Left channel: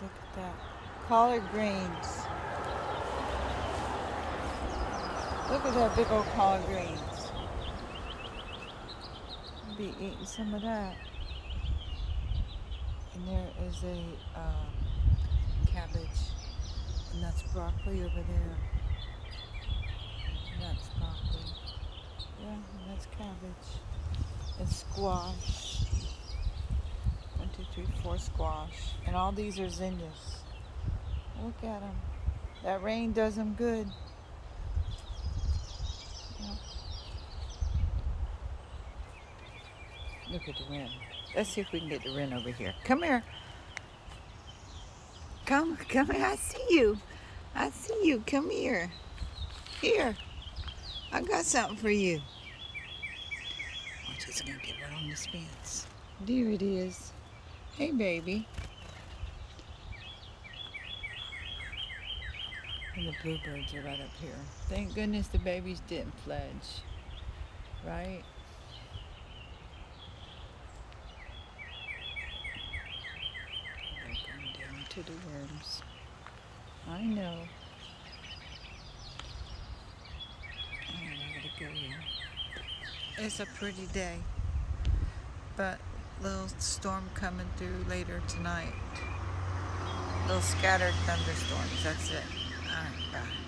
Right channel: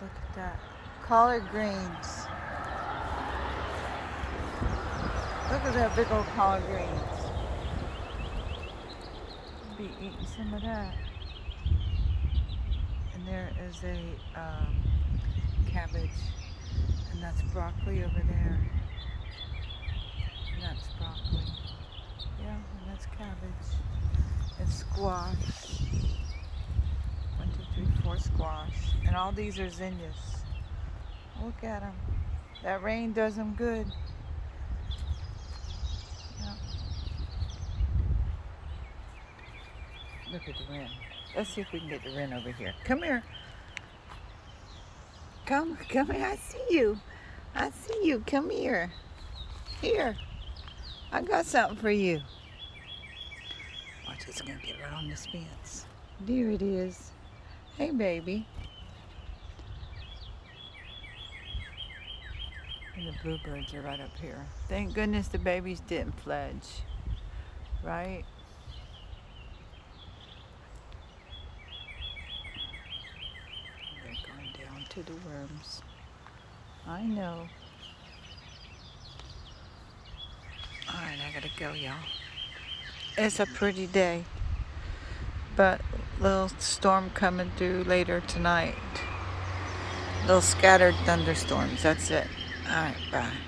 Look at that. Collard greens. Look at that big old collard greens. Be eating some of that. And there is a cabbage. And that's broccoli over there. And that's broccoli. Yeah, and that's cabbage. And squash. 1, 2, 3, 4 squash. And all these are zinnias. Look at them. That rain does them good. Yeah. Look at the wren. Let's see if we can get the wren over here. Come here. Come here. I see you. I see you. Come here. Here. I got something for you. Watch, it's going to get right on this fence. There it is. Hey, baby. And the bluebirds are right up here. Thank goodness the babies didn't fledge. Right? They're going down to the worms. I know. Alright, I gotta go, y'all. It's a pretty day. But little storm coming through later tonight. Little scattered thunderstorms. That's it. Alright, bye.